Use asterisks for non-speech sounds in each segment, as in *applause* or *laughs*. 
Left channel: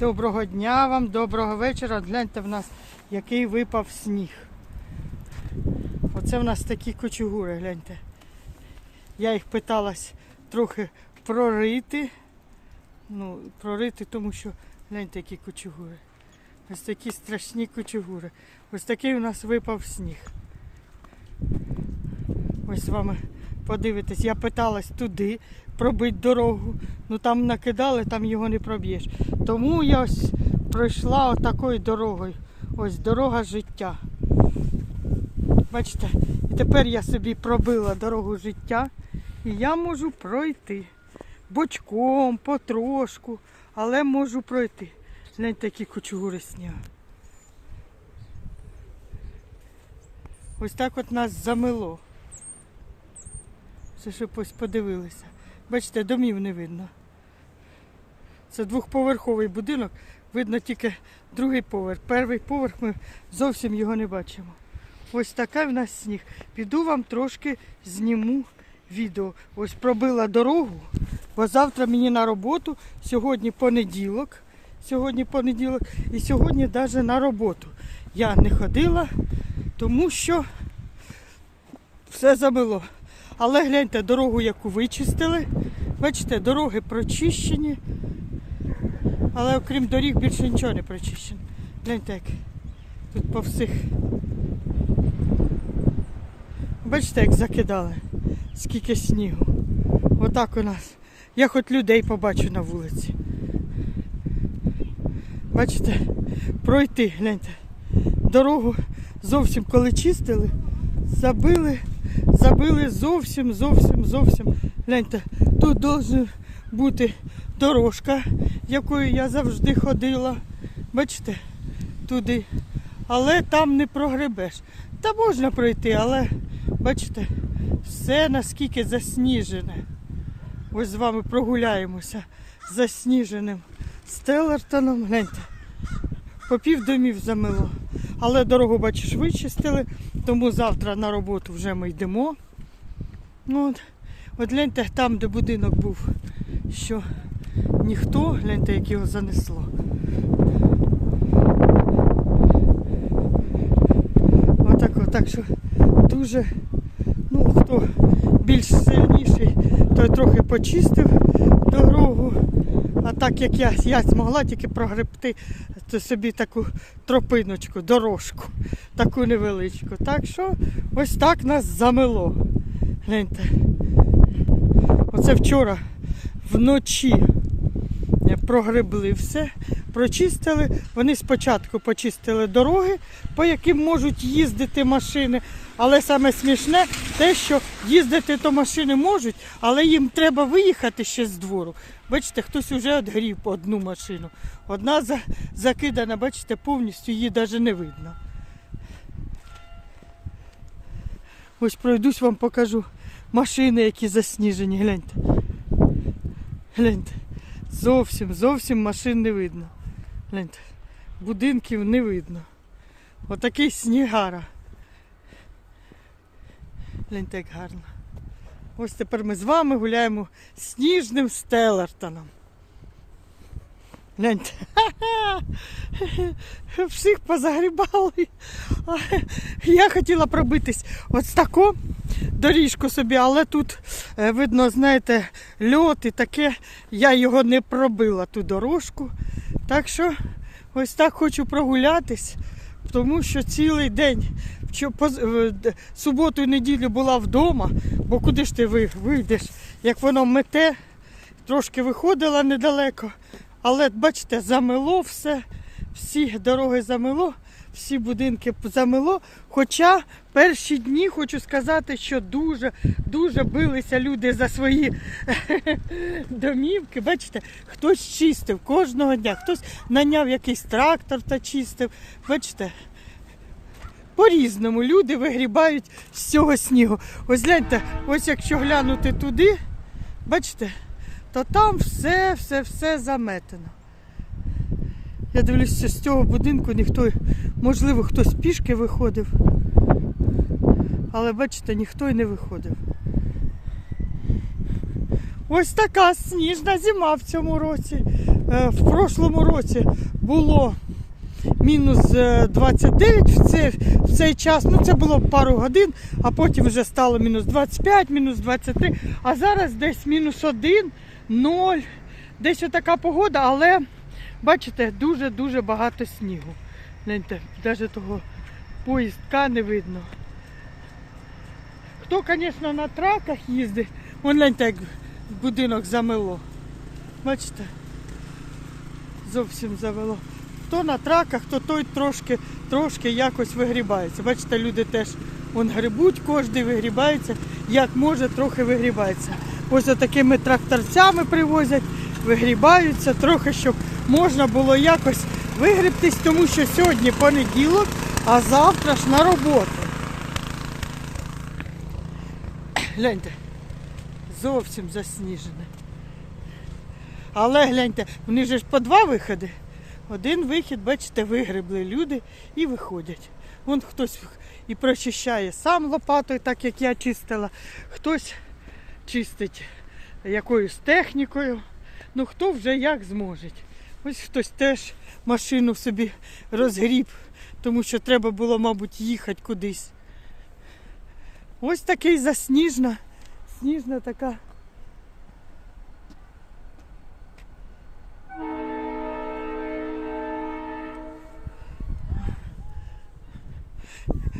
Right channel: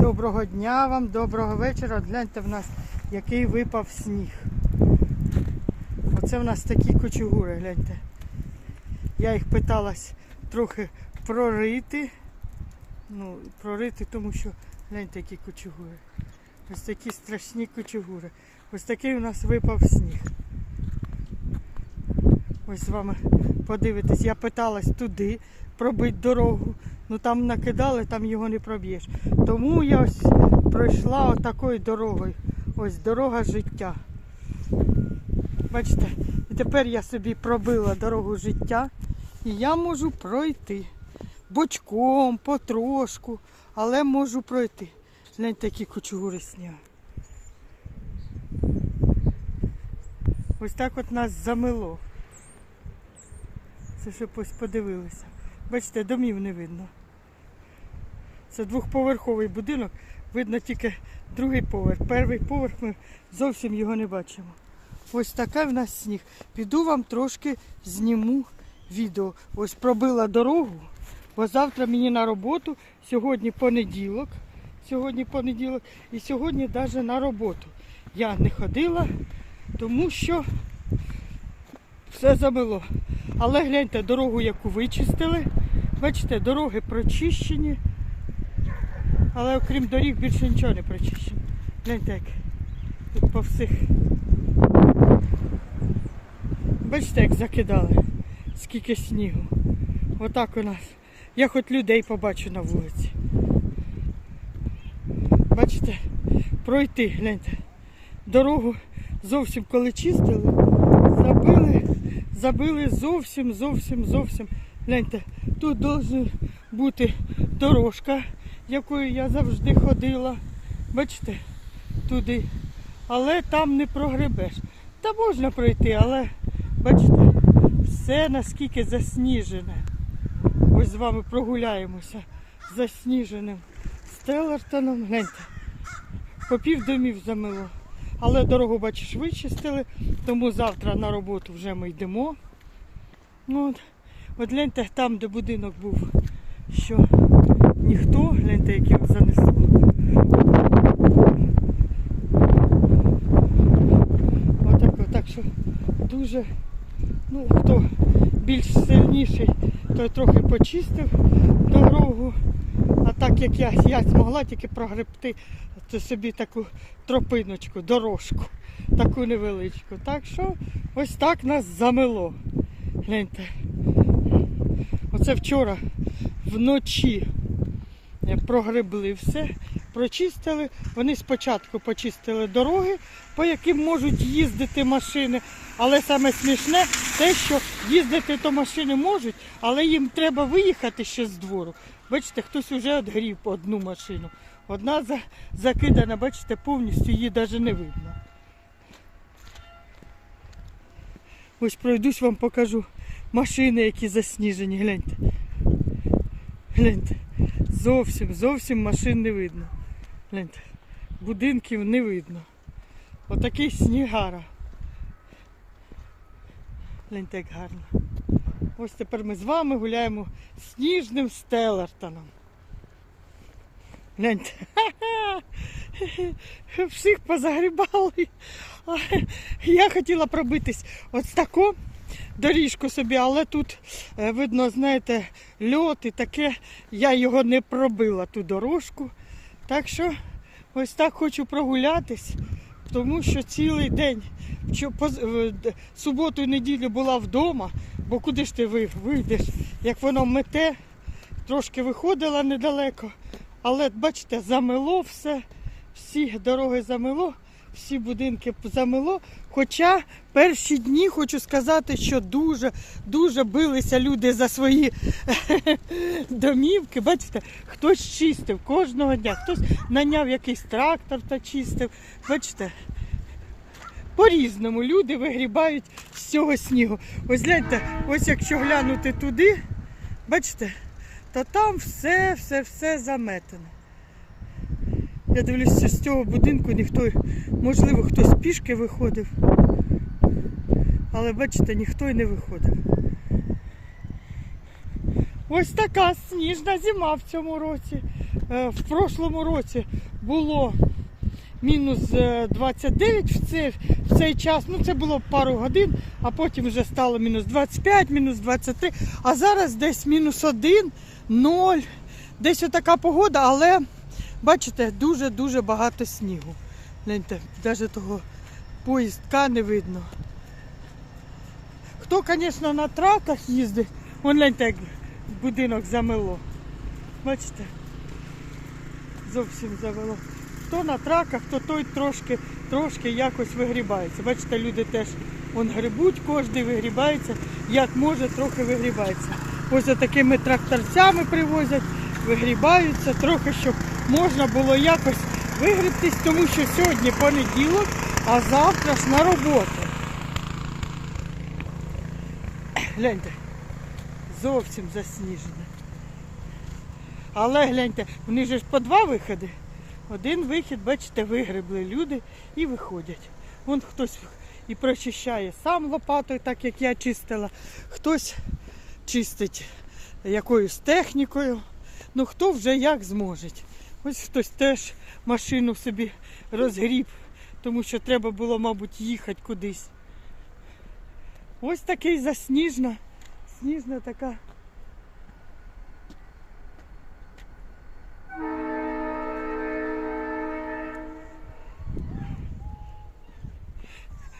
Доброго дня вам, доброго вечора. Гляньте в нас, який випав сніг. Оце в нас такі кочугури, гляньте. Я їх питалась трохи прорити. Ну, прорити, тому що гляньте, які кочугури. Ось такі страшні кочугури. Ось такий у нас випав сніг. Ось з вами подивитесь, я питалась туди пробити дорогу. Ну там накидали, там його не проб'єш. Тому я ось пройшла отакою дорогою. Ось дорога життя. Бачите, і тепер я собі пробила дорогу життя, і я можу пройти. Бочком, потрошку, але можу пройти. Гляньте, які кучугури снігу. Ось так от нас замело. Що щоб ось подивилися. Бачите, домів не видно. Це двохповерховий будинок, видно тільки другий поверх. Перший поверх ми зовсім його не бачимо. Ось такий в нас сніг. Піду вам трошки зніму відео. Ось пробила дорогу, бо завтра мені на роботу. Сьогодні понеділок. Сьогодні понеділок і сьогодні навіть на роботу. Я не ходила, тому що все забило. Але гляньте, дорогу, яку вичистили. Бачите, дороги прочищені. Але окрім доріг більше нічого не прочищено. Гляньте, як тут по всіх. Бачите, як закидали, скільки снігу. Отак у нас. Я хоч людей побачу на вулиці. Бачите, пройти, гляньте. Дорогу зовсім коли чистили, забили, забили зовсім, зовсім, зовсім. Гляньте, тут повинна бути дорожка, якою я завжди ходила. Бачите, туди. Але там не прогребеш. Та можна пройти, але бачите, все наскільки засніжене. Ось з вами прогуляємося засніженим Стелертоном. Гляньте, по пів домів замило. Але дорогу, бачиш, вичистили, тому завтра на роботу вже ми йдемо. Ну, от, от гляньте, там, де будинок був, що ніхто, гляньте, як його занесло. Отак, отак, що дуже, ну, хто більш сильніший, той трохи почистив дорогу. А так як я, я змогла тільки прогребти то собі таку тропиночку, дорожку, таку невеличку. Так що ось так нас замело. Гляньте. Оце вчора вночі прогребли все, прочистили. Вони спочатку почистили дороги, по яким можуть їздити машини. Але саме смішне те, що їздити то машини можуть, але їм треба виїхати ще з двору. Бачите, хтось вже одгрів одну машину. Одна закидана, бачите, повністю її навіть не видно. Ось пройдусь вам покажу машини, які засніжені. Гляньте. Гляньте. Зовсім, зовсім машин не видно. Будинків не видно. Отакий снігара. Гляньте, як гарно. Ось тепер ми з вами гуляємо сніжним стелертоном. Гляньте. Всіх позагрібали. Я хотіла пробитись ось таку доріжку собі, але тут е, видно, знаєте, льот і таке. Я його не пробила, ту дорожку. Так що ось так хочу прогулятись, тому що цілий день, е, суботу і неділю була вдома, бо куди ж ти вийдеш, як воно мете, трошки виходила недалеко. Але бачите, замело все, всі дороги замело, всі будинки замело. Хоча перші дні хочу сказати, що дуже дуже билися люди за свої *laughs* домівки. Бачите, хтось чистив кожного дня, хтось наняв якийсь трактор та чистив. Бачите, по-різному люди вигрібають з цього снігу. Ось гляньте, ось якщо глянути туди, бачите, то там все, все, все заметено. Я дивлюся, з цього будинку ніхто, можливо, хтось пішки виходив. Але бачите, ніхто й не виходив. Ось така сніжна зима в цьому році. Е, В прошлому році було мінус е, 29 в цей, в цей час. Ну це було пару годин, а потім вже стало мінус 25, мінус 23. А зараз десь мінус 1, 0. Десь отака погода, але бачите, дуже-дуже багато снігу. Навіть того поїздка не видно. Хто, звісно, на траках їздить, вон як будинок замело. Бачите? Зовсім завело. Хто на траках, то той трошки, трошки якось вигрібається. Бачите, люди теж вон грибуть, кожен вигрібається, як може, трохи вигрібається. Ось такими тракторцями привозять, вигрібаються, трохи, щоб можна було якось вигрібтись, тому що сьогодні понеділок, а завтра ж на роботу. Гляньте, зовсім засніжене. Але гляньте, вони ж по два виходи. Один вихід, бачите, вигребли люди і виходять. Вон хтось і прочищає сам лопатою, так як я чистила, хтось чистить якоюсь технікою. Ну хто вже як зможе. Ось хтось теж машину собі розгріб, тому що треба було, мабуть, їхати кудись. Ось такий засніжна, сніжна така.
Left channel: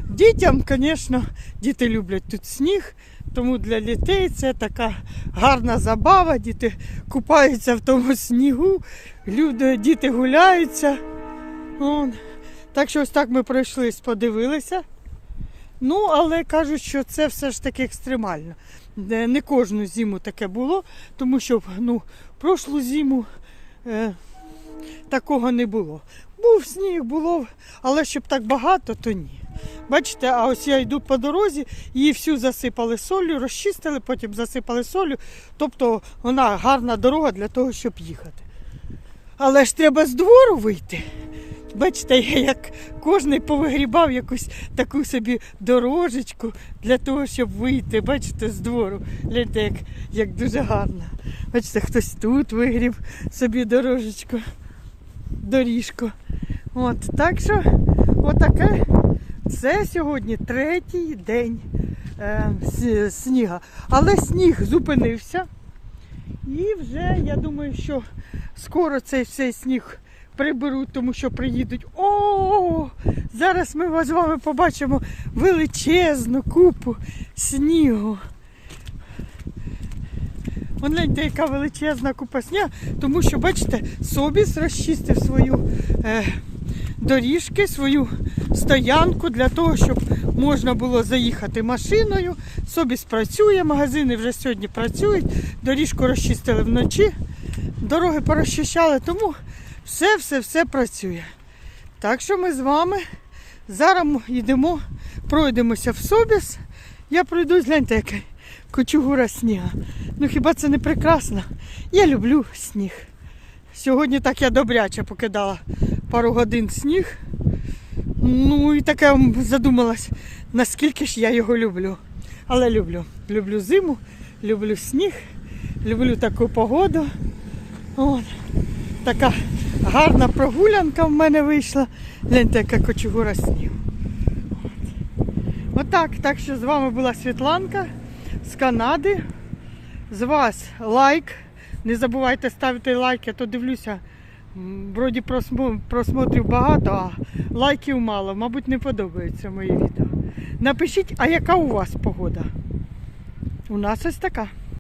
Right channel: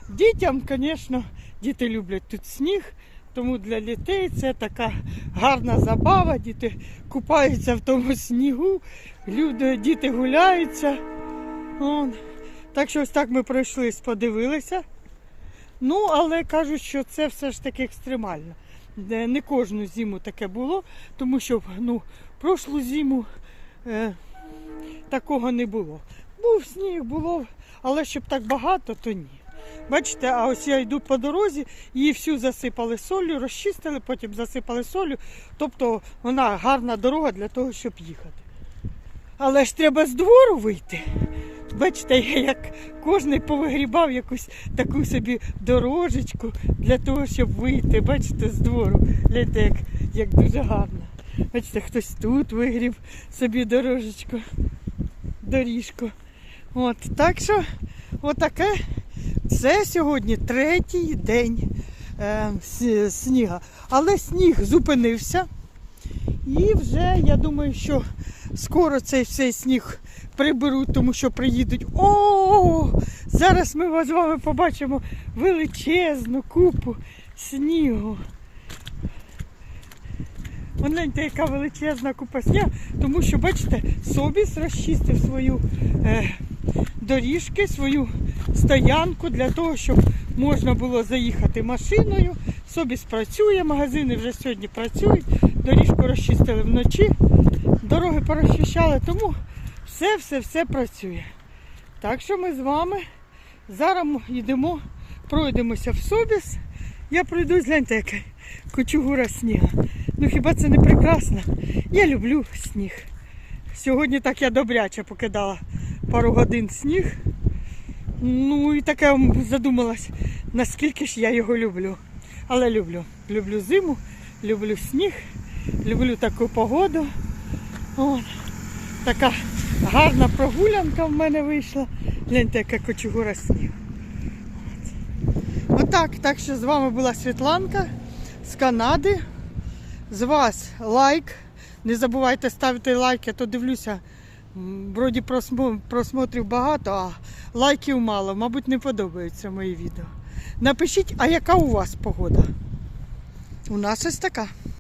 Дітям, звісно, діти люблять тут сніг, тому для дітей це така гарна забава. Діти купаються в тому снігу, люди, діти гуляються. Вон. Так що ось так ми пройшлись, подивилися. Ну, але кажуть, що це все ж таки екстремально. Не кожну зиму таке було, тому що ну, прошлу зиму е, такого не було. Був сніг, було, але щоб так багато, то ні. Бачите, а ось я йду по дорозі, її всю засипали солью, розчистили, потім засипали солью. Тобто вона гарна дорога для того, щоб їхати. Але ж треба з двору вийти. Бачите, я як кожен повигрібав якусь таку собі дорожечку для того, щоб вийти. Бачите, з двору. Гляньте, як, як дуже гарно. Бачите, хтось тут вигріб собі дорожечку, доріжку. От, так що, отаке. Це сьогодні третій день е, сніга. Але сніг зупинився. І вже я думаю, що скоро цей цей сніг приберуть, тому що приїдуть. О, зараз ми з вами побачимо величезну купу снігу. Гляньте, яка величезна купа снігу, тому що, бачите, Собіс розчистив свою е, доріжки, свою стоянку для того, щоб можна було заїхати машиною. Собіс працює, магазини вже сьогодні працюють, доріжку розчистили вночі, дороги порозчищали, тому все-все-все працює. Так що ми з вами зараз йдемо, пройдемося в Собіс. Я пройдусь, гляньте, яка кучугура сніга. Ну хіба це не прекрасно? Я люблю сніг. Сьогодні так я добряче покидала пару годин сніг. Ну і таке задумалась, наскільки ж я його люблю. Але люблю. Люблю зиму, люблю сніг, люблю таку погоду. От. Така гарна прогулянка в мене вийшла. Гляньте, яка кочугура снігу. От. Отак, так що з вами була Світланка з Канади. З вас лайк. Не забувайте ставити лайк, я то дивлюся. Вроді просмотрів багато, а лайків мало. Мабуть, не подобаються мої відео. Напишіть, а яка у вас погода? У нас ось така.